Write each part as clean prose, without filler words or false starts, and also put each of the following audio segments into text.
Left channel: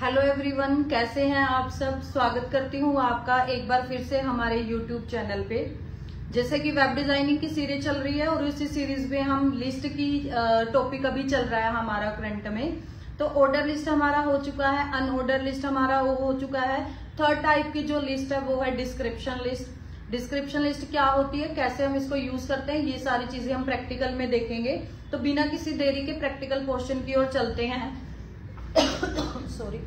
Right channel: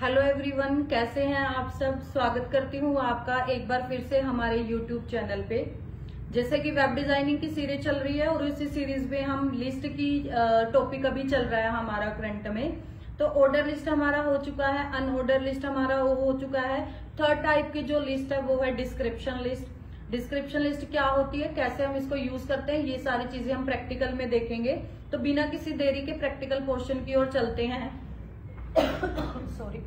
Hello everyone, कैसे हैं आप सब। स्वागत करती हूँ आपका एक बार फिर से हमारे यूट्यूब चैनल पे। जैसे कि वेब डिजाइनिंग की सीरीज चल रही है और इसी सीरीज में हम लिस्ट की टॉपिक अभी चल रहा है हमारा करंट में। तो ऑर्डर लिस्ट हमारा हो चुका है, अनऑर्डर लिस्ट हमारा वो हो चुका है। थर्ड टाइप की जो लिस्ट है वो है डिस्क्रिप्शन लिस्ट। डिस्क्रिप्शन लिस्ट क्या होती है, कैसे हम इसको यूज करते हैं, ये सारी चीजें हम प्रैक्टिकल में देखेंगे। तो बिना किसी देरी के प्रैक्टिकल पोर्शन की ओर चलते हैं। सॉरी।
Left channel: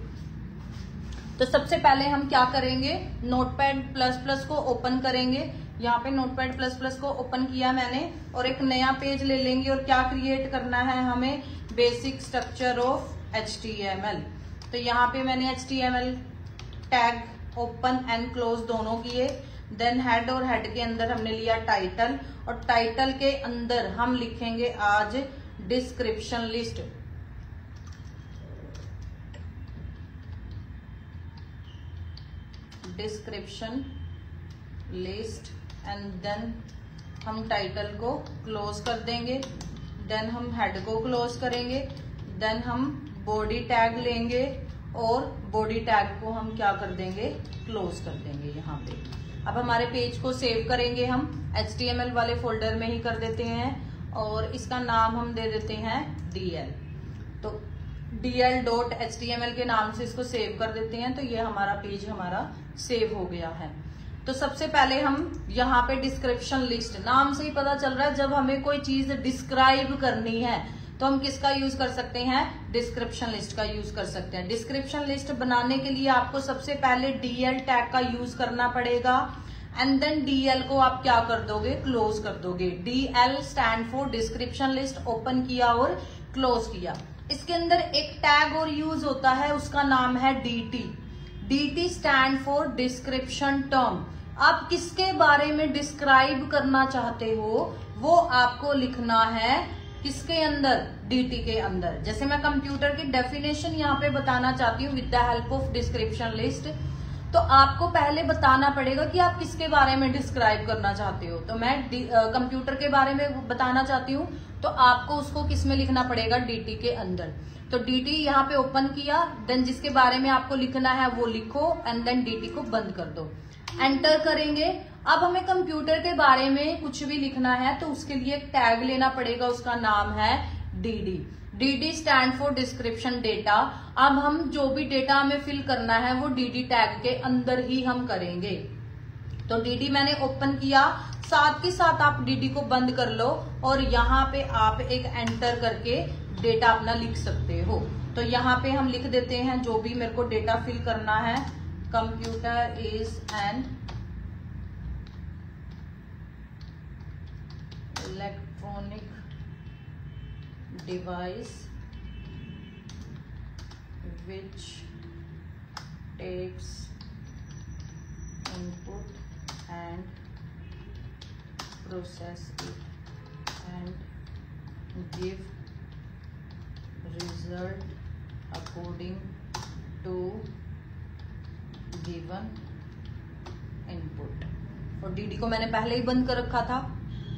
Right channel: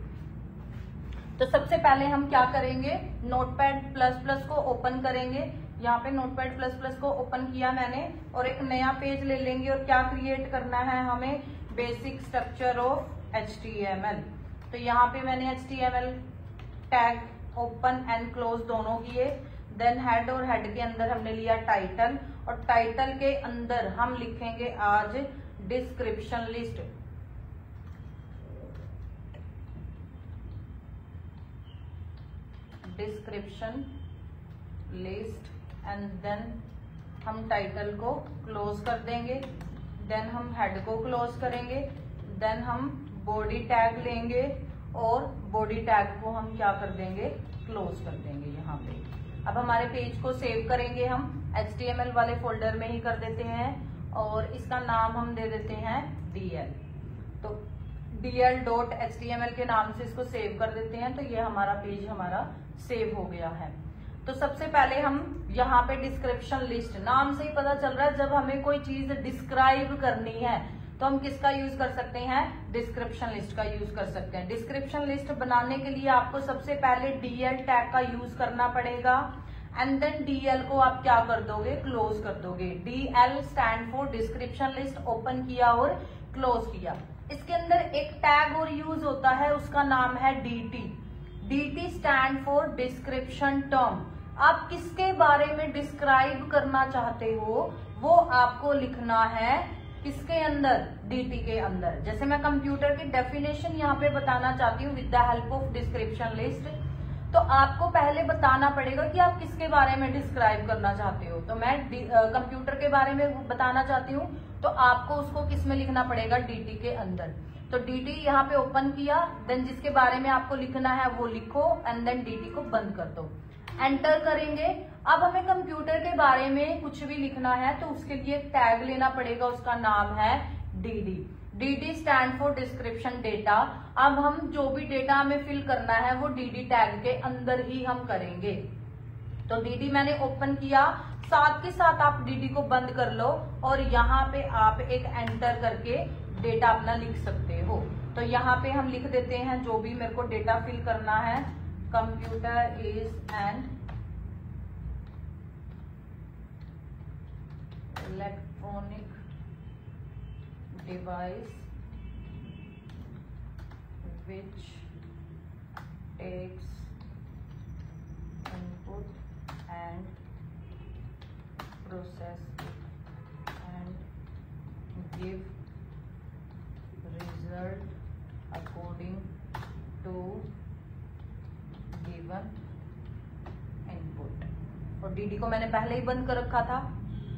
तो सबसे पहले हम क्या करेंगे, नोटपैड प्लस प्लस को ओपन करेंगे। यहाँ पे नोटपैड प्लस प्लस को ओपन किया मैंने और एक नया पेज ले लेंगे और क्या क्रिएट करना है हमें, बेसिक स्ट्रक्चर ऑफ HTML। तो यहाँ पे मैंने HTML tag open and close दोनों किए। देन हेड और हेड के अंदर हमने लिया टाइटल और टाइटल के अंदर हम लिखेंगे आज description list. Description list and then हम टाइटल को क्लोज कर देंगे। देन हम हेड को क्लोज करेंगे। देन हम बॉडी टैग लेंगे और बॉडी टैग को हम क्या कर देंगे, क्लोज कर देंगे यहाँ पे। अब हमारे पेज को सेव करेंगे हम HTML वाले फोल्डर में ही कर देते हैं और इसका नाम हम दे देते हैं DL। तो dl.html के नाम से इसको सेव कर देते हैं। तो ये हमारा पेज हमारा सेव हो गया है। तो सबसे पहले हम यहाँ पे डिस्क्रिप्शन लिस्ट, नाम से ही पता चल रहा है जब हमें कोई चीज डिस्क्राइब करनी है तो हम किसका यूज कर सकते हैं, डिस्क्रिप्शन लिस्ट का यूज कर सकते हैं। डिस्क्रिप्शन लिस्ट बनाने के लिए आपको सबसे पहले DL टैग का यूज करना पड़ेगा एंड देन DL को आप क्या कर दोगे, क्लोज कर दोगे। DL stand for description list, open किया और क्लोज किया। इसके अंदर एक टैग और यूज होता है, उसका नाम है DT। DT stand for description term. आप किसके बारे में डिस्क्राइब करना चाहते हो वो आपको लिखना है किसके अंदर, DT के अंदर। जैसे मैं कंप्यूटर की डेफिनेशन यहाँ पे बताना चाहती हूँ with the help of description list, तो आपको पहले बताना पड़ेगा कि आप किसके बारे में डिस्क्राइब करना चाहते हो। तो मैं कंप्यूटर के बारे में बताना चाहती हूँ तो आपको उसको किस में लिखना पड़ेगा, DT के अंदर। तो DT यहाँ पे ओपन किया, देन जिसके बारे में आपको लिखना है वो लिखो एंड देन DT को बंद कर दो, एंटर करेंगे। अब हमें कंप्यूटर के बारे में कुछ भी लिखना है तो उसके लिए एक टैग लेना पड़ेगा, उसका नाम है DD। DD stand for description data. अब हम जो भी डेटा हमें फिल करना है वो DD टैग के अंदर ही हम करेंगे। तो DD मैंने ओपन किया, साथ के साथ आप DD को बंद कर लो और यहाँ पे आप एक एंटर करके डेटा अपना लिख सकते हो। तो यहाँ पे हम लिख देते हैं जो भी मेरे को डेटा फिल करना है, computer is an electronic device which takes input and process it and give result according to given input। और DD को मैंने पहले ही बंद कर रखा था।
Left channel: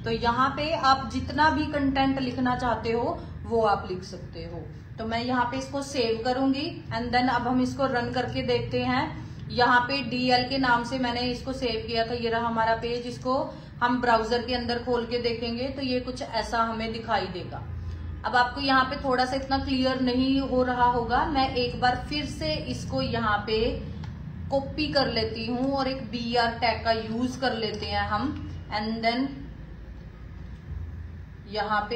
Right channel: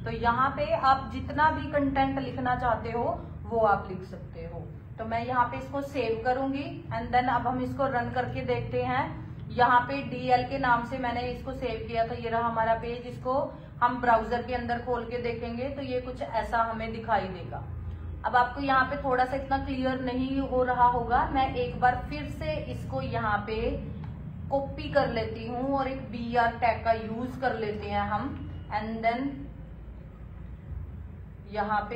तो यहाँ पे आप जितना भी कंटेंट लिखना चाहते हो वो आप लिख सकते हो। तो मैं यहाँ पे इसको सेव करूंगी एंड देन अब हम इसको रन करके देखते हैं। यहाँ पे DL के नाम से मैंने इसको सेव किया था, ये रहा हमारा पेज। इसको हम ब्राउजर के अंदर खोल के देखेंगे तो ये कुछ ऐसा हमें दिखाई देगा। अब आपको यहाँ पे थोड़ा सा इतना क्लियर नहीं हो रहा होगा, मैं एक बार फिर से इसको यहाँ पे कॉपी कर लेती हूँ और एक BR टैग का यूज कर लेते हैं हम एंड देन यहाँ पे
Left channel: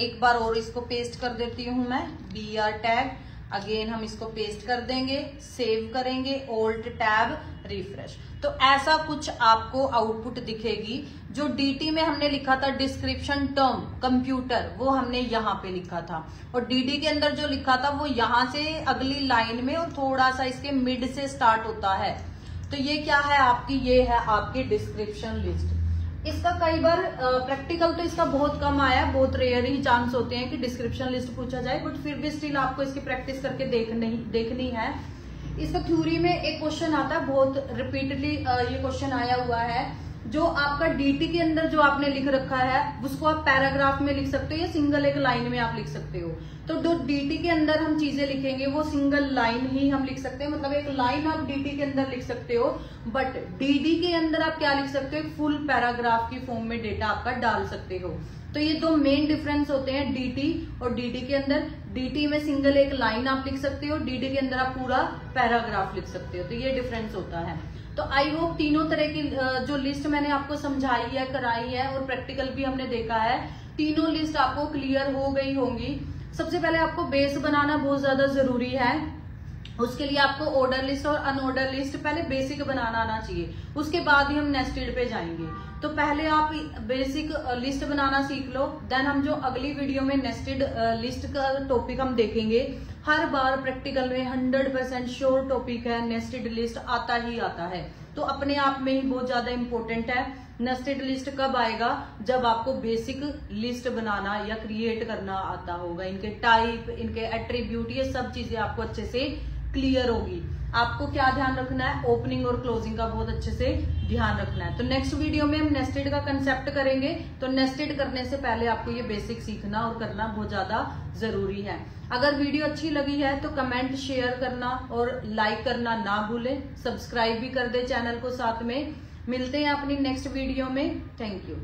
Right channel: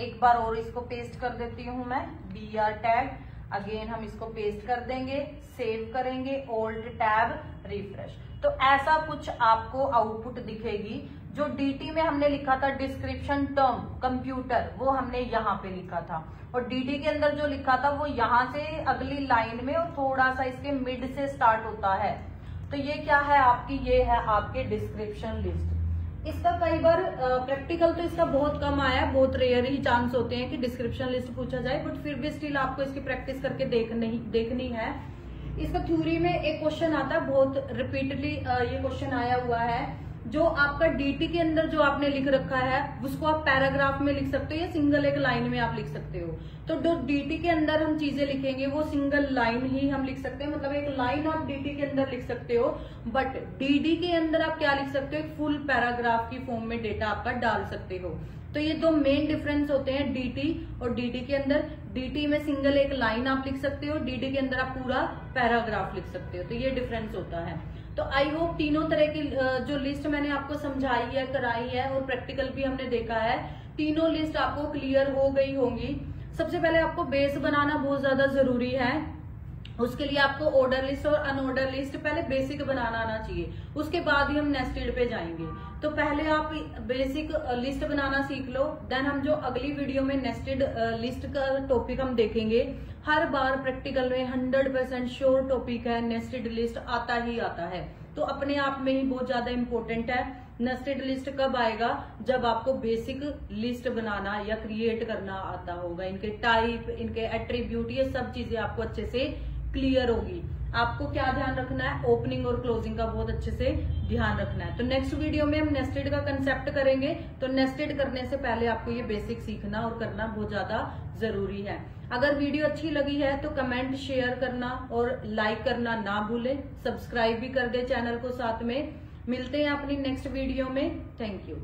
एक बार और इसको पेस्ट कर देती हूँ मैं, BR टैग। अगेन हम इसको पेस्ट कर देंगे, सेव करेंगे, ऑल्ट टैब, रिफ्रेश। तो ऐसा कुछ आपको आउटपुट दिखेगी। जो DT में हमने लिखा था डिस्क्रिप्शन टर्म कंप्यूटर, वो हमने यहाँ पे लिखा था और DD के अंदर जो लिखा था वो यहाँ से अगली लाइन में और थोड़ा सा इसके मिड से स्टार्ट होता है। तो ये क्या है आपकी, ये है आपकी डिस्क्रिप्शन लिस्ट। इसका कई बार प्रैक्टिकल तो इसका बहुत कम आया, बहुत रेयर ही चांस होते हैं कि डिस्क्रिप्शन लिस्ट पूछा जाए, बट फिर भी स्टिल आपको इसकी प्रैक्टिस करके देखनी है। इसका थ्योरी में एक क्वेश्चन आता है, बहुत रिपीटली ये क्वेश्चन आया हुआ है जो आपका डीटी के अंदर जो आपने लिख रखा है उसको आप पैराग्राफ में लिख सकते हो या सिंगल एक लाइन में आप लिख सकते हो। तो जो डीटी के अंदर हम चीजें लिखेंगे वो सिंगल लाइन ही हम लिख सकते हैं, मतलब एक लाइन आप डीटी के अंदर लिख सकते हो, बट डीडी के अंदर आप क्या लिख सकते हो, एक फुल पैराग्राफ की फॉर्म में डेटा आपका डाल सकते हो। तो ये दो मेन डिफरेंस होते हैं डीटी और डीडी के अंदर। डीटी में सिंगल एक लाइन आप लिख सकते हो, डीडी के अंदर आप पूरा पैराग्राफ लिख सकते हो। तो ये डिफरेंस होता है। तो आई होप तीनों तरह की जो लिस्ट मैंने आपको समझाई है, कराई है और प्रैक्टिकल भी हमने देखा है, तीनों लिस्ट आपको क्लियर हो गई होंगी। सबसे पहले आपको बेस बनाना बहुत ज्यादा जरूरी है। उसके लिए आपको ऑर्डर लिस्ट और अनऑर्डर लिस्ट पहले बेसिक बनाना आना चाहिए, उसके बाद ही हम नेस्टेड पे जाएंगे। तो पहले आप बेसिक लिस्ट बनाना सीख लो, देन हम जो अगली वीडियो में नेस्टेड लिस्ट का टॉपिक हम देखेंगे। हर बार प्रैक्टिकल में 100% श्योर टॉपिक है, नेस्टेड लिस्ट आता ही आता है। तो अपने आप में ही बहुत ज्यादा इंपॉर्टेंट है। नेस्टेड लिस्ट कब आएगा, जब आपको बेसिक लिस्ट बनाना या क्रिएट करना आता होगा। इनके टाइप, इनके एट्रीब्यूट, ये सब चीजें आपको अच्छे से क्लियर होगी। आपको क्या ध्यान रखना है, ओपनिंग और क्लोजिंग का बहुत अच्छे से ध्यान रखना है। तो नेक्स्ट वीडियो में हम नेस्टेड का कंसेप्ट करेंगे। तो नेस्टेड करने से पहले आपको ये बेसिक सीखना और करना बहुत ज्यादा जरूरी है। अगर वीडियो अच्छी लगी है तो कमेंट, शेयर करना और लाइक करना ना भूलें। सब्सक्राइब भी कर दे चैनल को साथ में। मिलते हैं अपनी नेक्स्ट वीडियो में। Thank you.